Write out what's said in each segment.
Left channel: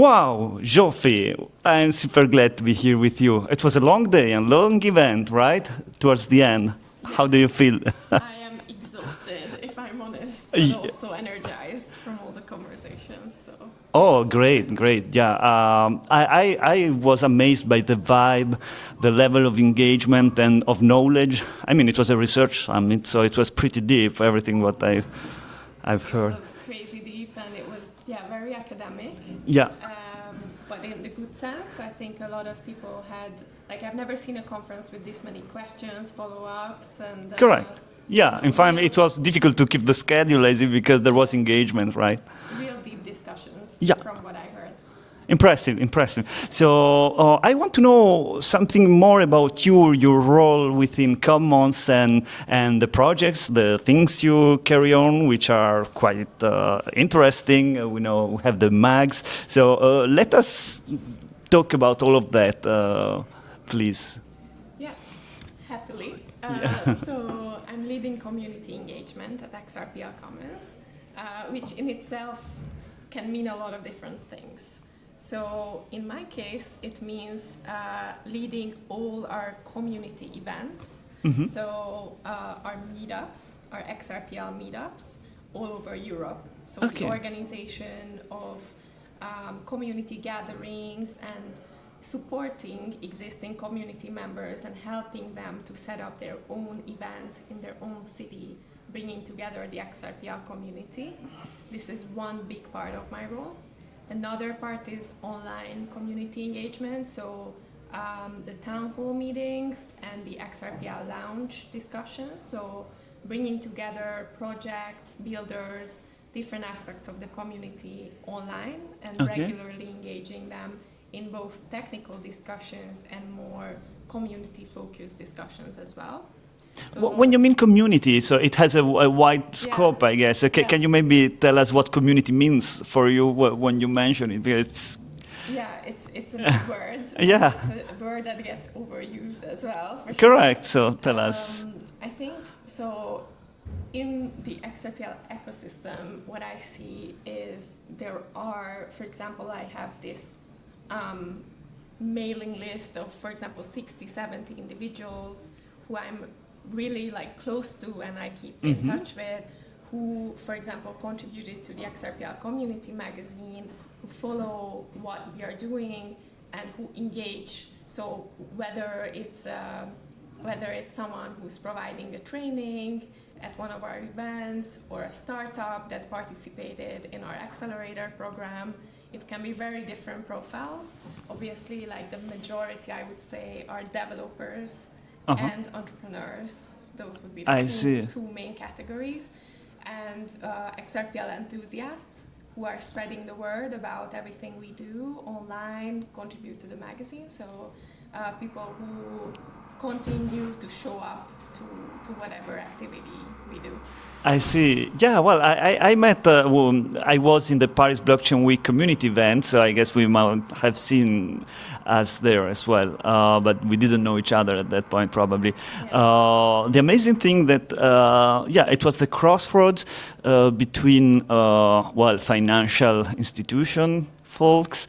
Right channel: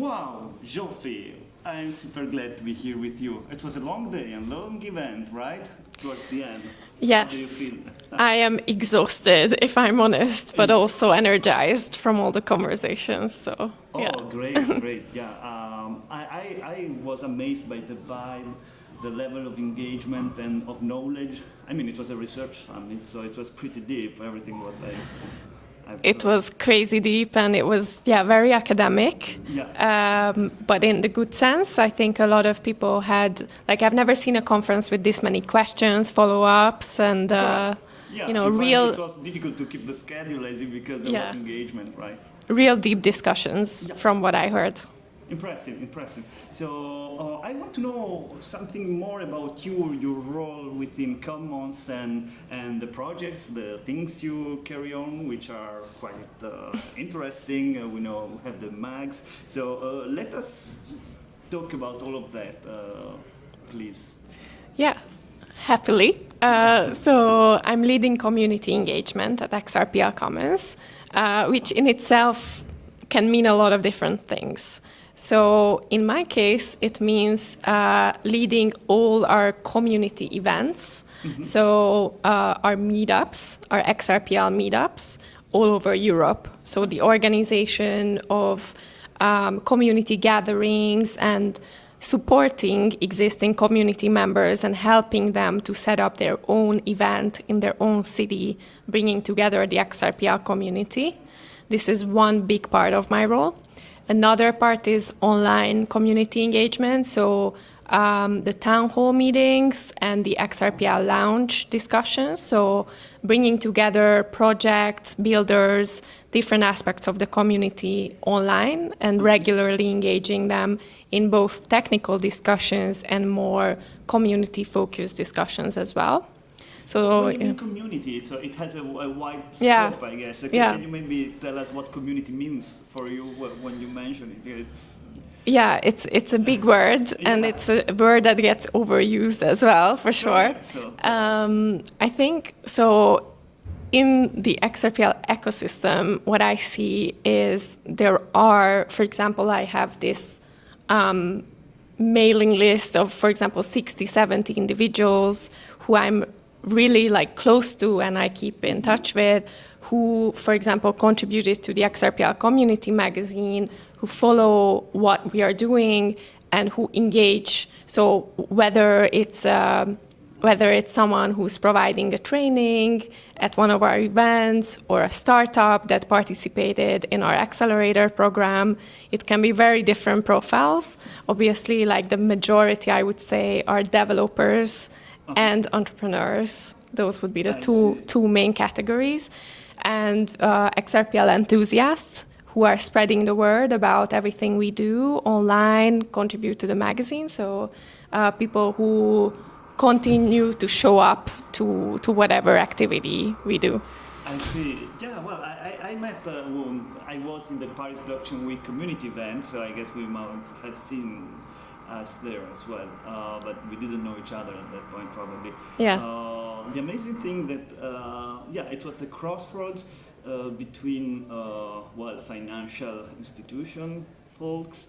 Wow, Zsofi, I'm super glad to be here with you. It was a long day and long event, right? Towards the end. Yes. How do you feel? I am exhausted, if I'm honest, but also energized from all the conversations. So. Oh, yeah. great, great. Yeah, I was amazed by the vibe, the level of engagement and of knowledge. I mean, it was a research summit, so it was pretty deep, everything what I've heard. It was crazy deep, and it was, very academic. Yeah. But in the good sense, I think a lot of people had, I've never seen a conference with this many questions, follow-ups, and correct. Yeah, in fact, it was difficult to keep the schedule easy because there was engagement, right? Real deep discussions, from what I heard. Impressive, impressive. So I want to know something more about your role within Commons and the projects, the things you carry on, which are quite interesting. We know we have the mags. So let us talk about all of that, please. Yeah, happily. So I'm leading community engagement at XRPL Commons, which in itself can mean a lot of different things. So in my case, it means leading all our community events. Mm-hmm. So our meetups, our XRPL meetups all over Europe. So the organization of community gatherings and supporting existing community members and helping them to set up their own event in their own city, bringing together the XRPL community. This is one big part of my role. Another part is online community engagement, so the town hall meetings and the XRPL lounge discussions, so bringing together projects, builders, different aspects of the community online and regularly engaging them in both technical discussions and more community-focused discussions as well. So when you mean community, so it has a wide scope, I guess. Okay, can you maybe tell us what community means for you when you mention it? Because it's a big word, and it's a word that gets overused as well, for sure. Correct, so tell us. I think, so in the XRPL ecosystem, what I see is there are, for example, I have this mailing list of, for example, 60, 70 individuals who I'm really close to and I keep in touch with, who, for example, contributed to the XRPL Community Magazine, who follow what we are doing and who engage. So whether it's someone who's providing a training at one of our events or a startup that participated in our accelerator program, it can be very different profiles. Obviously, the majority, I would say, are developers and entrepreneurs. Those would be the two main categories. And XRPL enthusiasts who are spreading the word about everything we do online, contribute to the magazine. So people who continue to show up to whatever activity we do. I see. Yeah, well, I met, I was in the Paris Blockchain Week community event, so I guess we might have seen us there as well, but we didn't know each other at that point, probably. Yeah. The amazing thing that, it was the crossroads between, financial institution folks,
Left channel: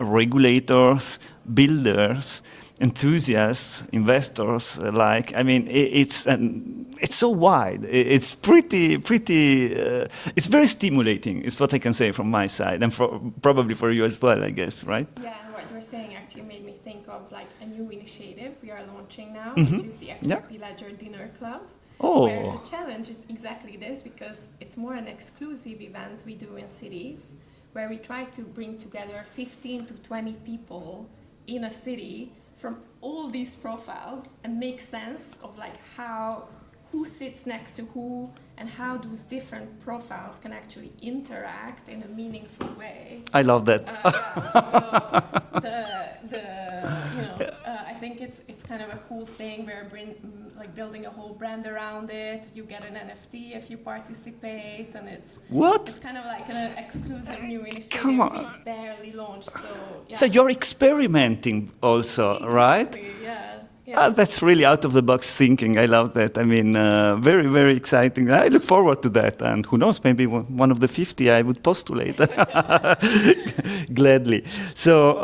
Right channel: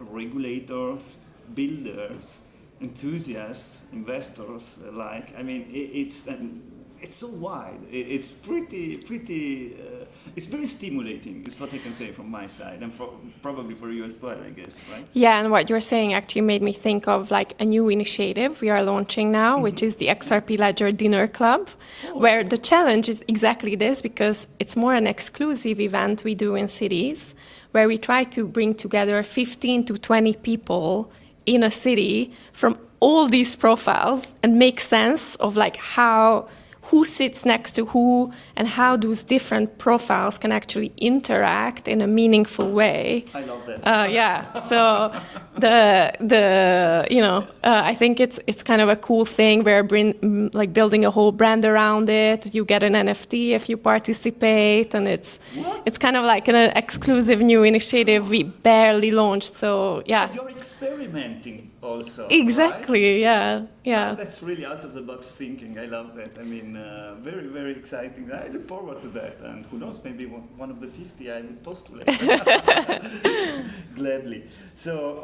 regulators, builders, enthusiasts, investors alike. I mean, it's so wide. It's pretty. It's very stimulating. Is what I can say from my side, and probably for you as well, I guess, right? Yeah, and what you're saying actually made me think of a new initiative we are launching now, which is the XRP Ledger Dinner Club, where the challenge is exactly this, because it's more an exclusive event we do in cities, where we try to bring together 15 to 20 people in a city from all these profiles and make sense of who sits next to who and how those different profiles can actually interact in a meaningful way. I love that. So I think it's kind of a cool thing. We're building a whole brand around it. You get an NFT if you participate, and it's kind of like an exclusive new initiative we barely launched. So So you're experimenting also, exactly, right? Yeah. Yeah. That's really out-of-the-box thinking. I love that. I mean, very, very exciting. I look forward to that. And who knows, maybe one of the 50 I would postulate. Gladly. So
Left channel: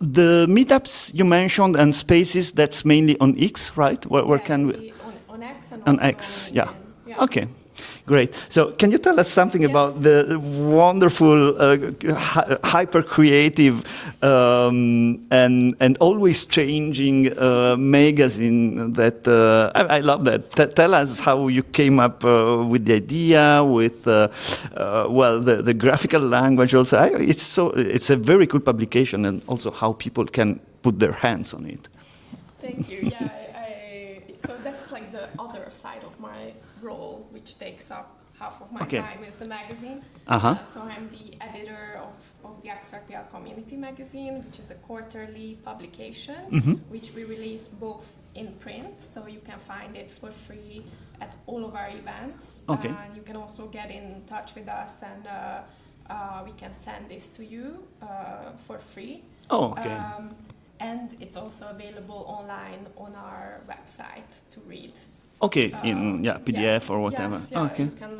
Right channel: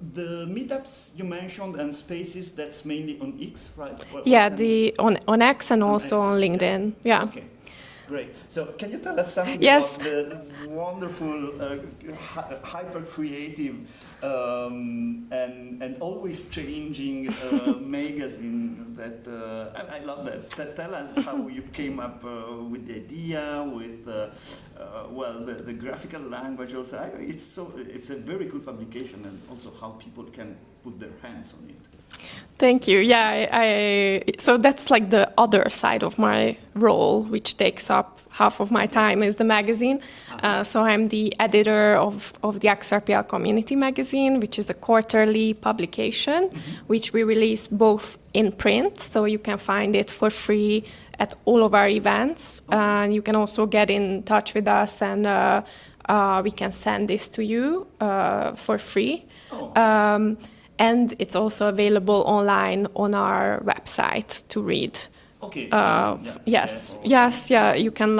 the meetups you mentioned and spaces, that's mainly on X, right? On X and also on LinkedIn. Yeah. Okay. Great. So can you tell us something Yes. about the wonderful, hyper-creative and always changing magazine that I love that. Tell us how you came up with the idea, with the graphical language also. It's a very cool publication, and also how people can put their hands on it. Thank you. Yeah, so that's like the other side of my role, which takes up half of my time, is the magazine. So I'm the editor of the XRPL Community Magazine, which is a quarterly publication, which we release both in print, so you can find it for free at all of our events. And you can also get in touch with us, and we can send this to you for free. Oh, okay. And it's also available online on our website to read. Okay, PDF or whatever. Yes, you can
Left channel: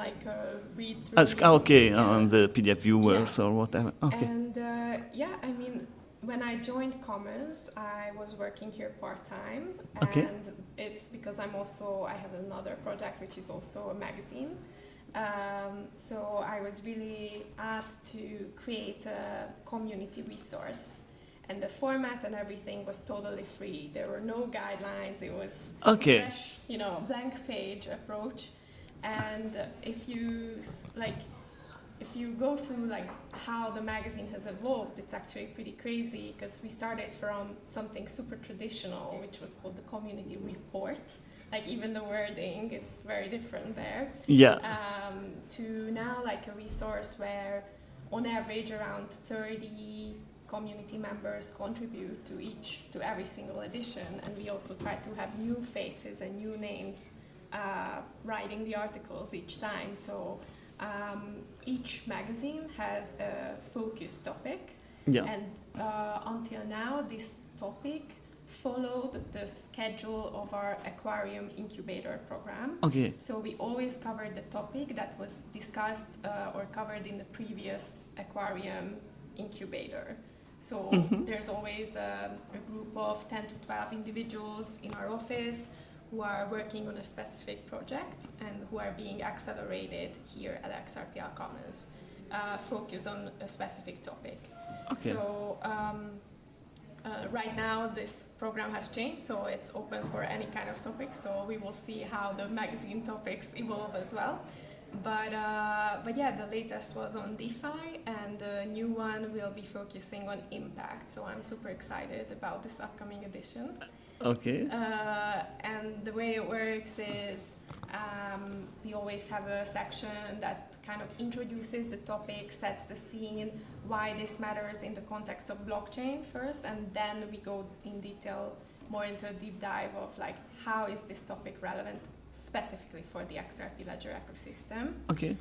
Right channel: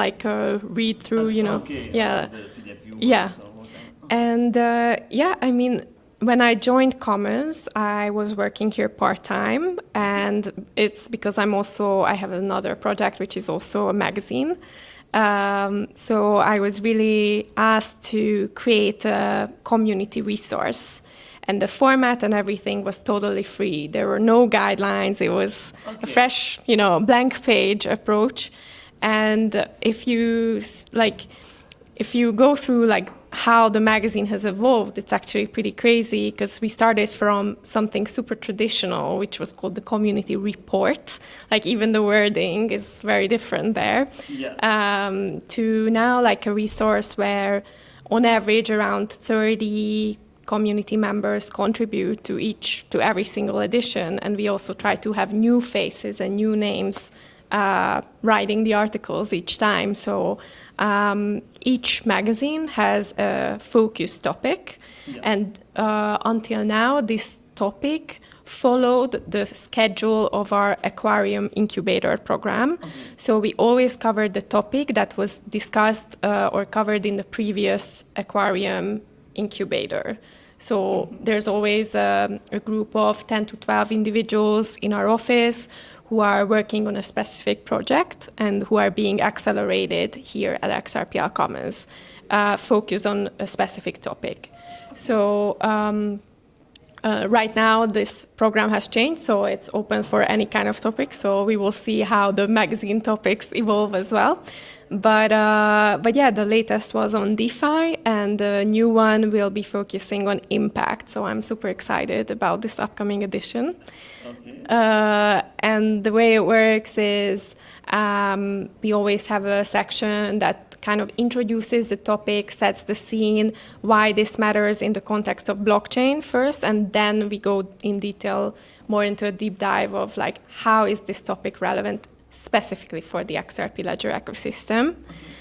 read through. On the PDF viewers or whatever. Okay. And I mean, when I joined Commons, I was working here part-time, and it's because I have another project which is also a magazine. So I was really asked to create a community resource. And the format and everything was totally free. There were no guidelines. It was a fresh, blank page approach. And if you go through how the magazine has evolved, it's actually pretty crazy, because we started from something super traditional, which was called the community report. Even the wording is very different there. Yeah. To now a resource where, on average, around 30 community members contribute to every single edition, and we also try to have new faces and new names writing the articles each time. So each magazine has a focus topic, and until now this topic followed the schedule of our aquarium incubator program. So we always covered the topic that was discussed or covered in the previous aquarium incubator. So there's always a group of 10 to 12 individuals in our office who are working on a specific project and who are being accelerated here at XRPL Commons, focus on a specific topic. So right now this program has changed, so it's open for any kind of topic. So we will see how the magazine topics evolve as well. But the latest was on DeFi, and the new one will be focusing on impact. So I'm super excited about this upcoming edition. Okay. And the way it works is we always have a section that kind of introduces the topic, sets the scene, why this matters in the context of blockchain first, and then we go in detail more into a deep dive of how is this topic relevant specifically for the XRP Ledger ecosystem. Okay.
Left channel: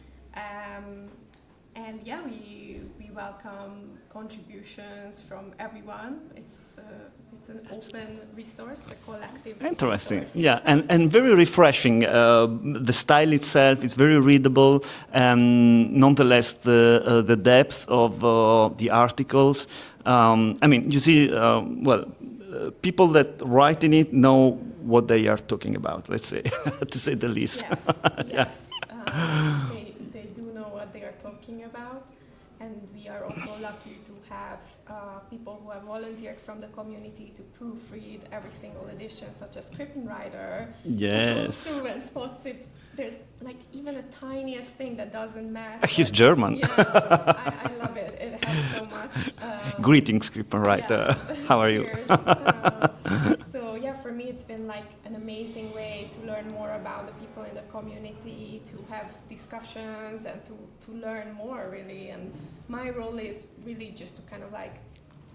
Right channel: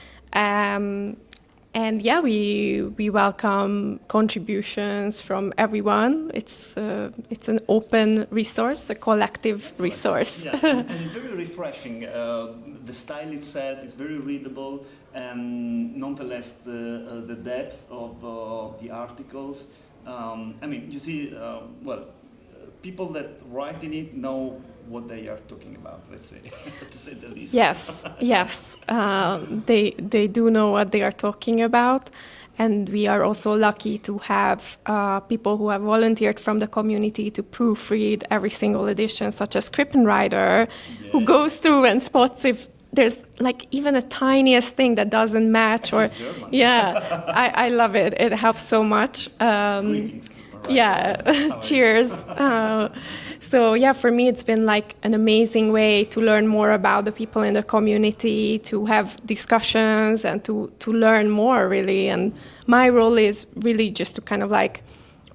And we welcome contributions from everyone. It's an open resource, a collective resource. Yeah, and very refreshing. The style itself is very readable, and nonetheless the depth of the articles. You see, people that write in it know what they are talking about, let's say, to say the least. Yes. They do know what they are talking about. And we are also lucky to have people who have volunteered from the community to proofread every single edition, such as Krippenreiter, who goes through and spots if there's even a tiniest thing that doesn't match. He's German. Yeah, I love it. It helps so much. Greetings, Krippenreiter. Yeah, How are cheers. you? For me, it's been an amazing way to learn more about the people in the community, to have discussions and to learn more, really. And my role is really just to kind of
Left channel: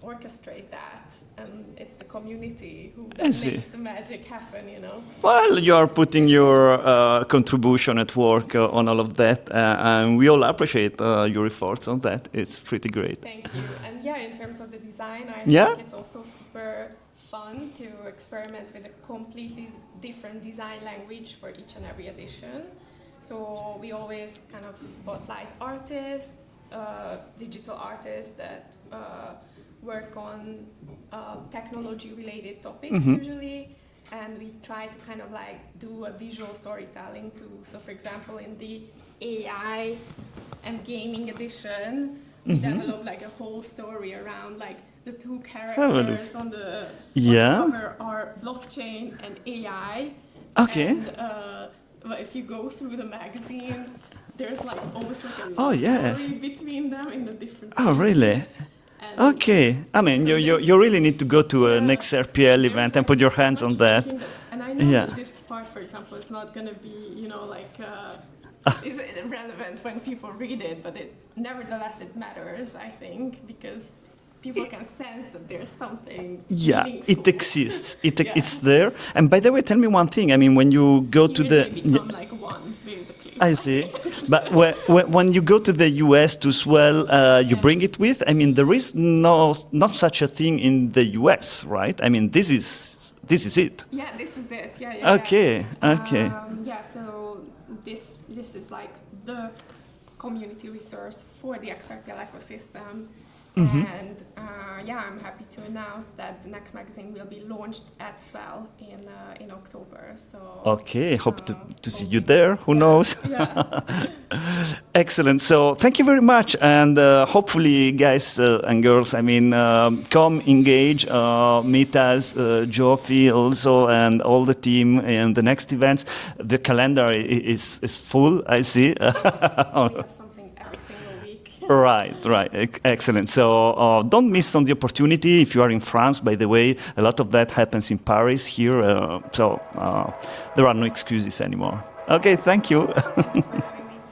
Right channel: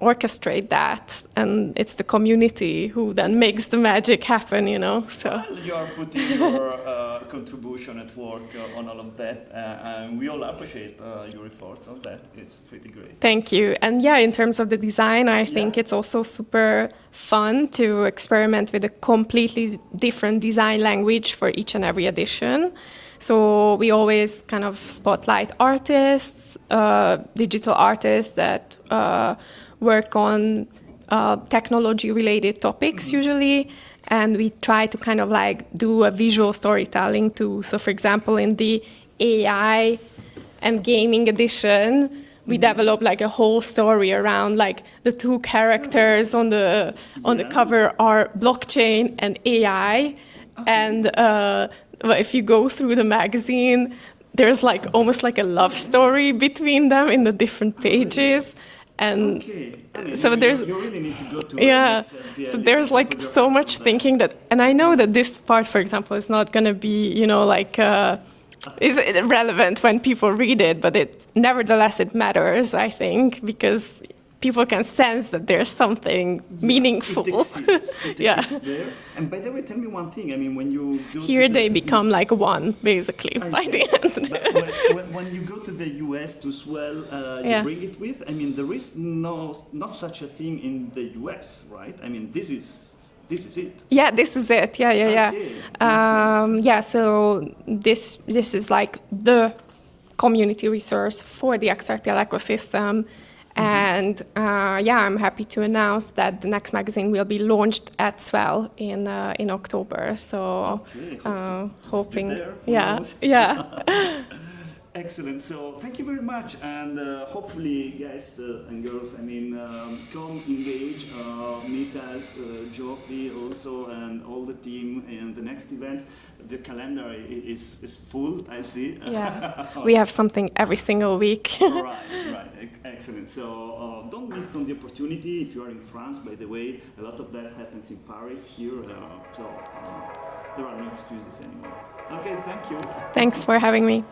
orchestrate that, and it's the community who then makes the magic happen, you know. So. Well, you are putting your contribution at work on all of that, and we all appreciate your efforts on that. It's pretty great. Thank you. And yeah, in terms of the design, I think it's also super fun to experiment with a completely different design language for each and every edition. So we always kind of spotlight artists, digital artists that work on technology-related topics usually, and we try to kind of like do a visual storytelling too. So for example, in the AI and gaming edition, we develop like a whole story around like the two characters on the cover are blockchain and AI, and if you go through the magazine, there's like almost like a love story between them in the different pages. Really? And I mean, so you really need to go to an XRPL event and put your hands on that. There's so much thinking that, and I know that this part, for example, is not going to be, you know, like is relevant when people read it, but nevertheless it matters, I think, because people can sense that there's something meaningful. It exists. It's there. And by the way, tell me one thing. I mean, when you go Here they become like one, basically. I see. But when you go to the US to swell, you bring it with. I mean, there is not such a thing in the US, right? I mean, this is it. Yeah, this is it. Yeah. Okay. Yeah. So this is like the community resource for the XRPL ecosystem. And I'm happy to announce that the next magazine will be launched at Swell in October. So hope to see you there. Who knows? Yeah. Excellent. So thank you very much, and hopefully, guys and girls, I mean, come engage, meet us, Zsofi also, and all the team in the next events. The calendar is full. I see. Yeah. We have something every single week. Right. Excellent. So don't miss on the opportunity. If you are in France, by the way, a lot of that happens in Paris here. So there are no excuses anymore. Okay, thank you. Thanks for having me.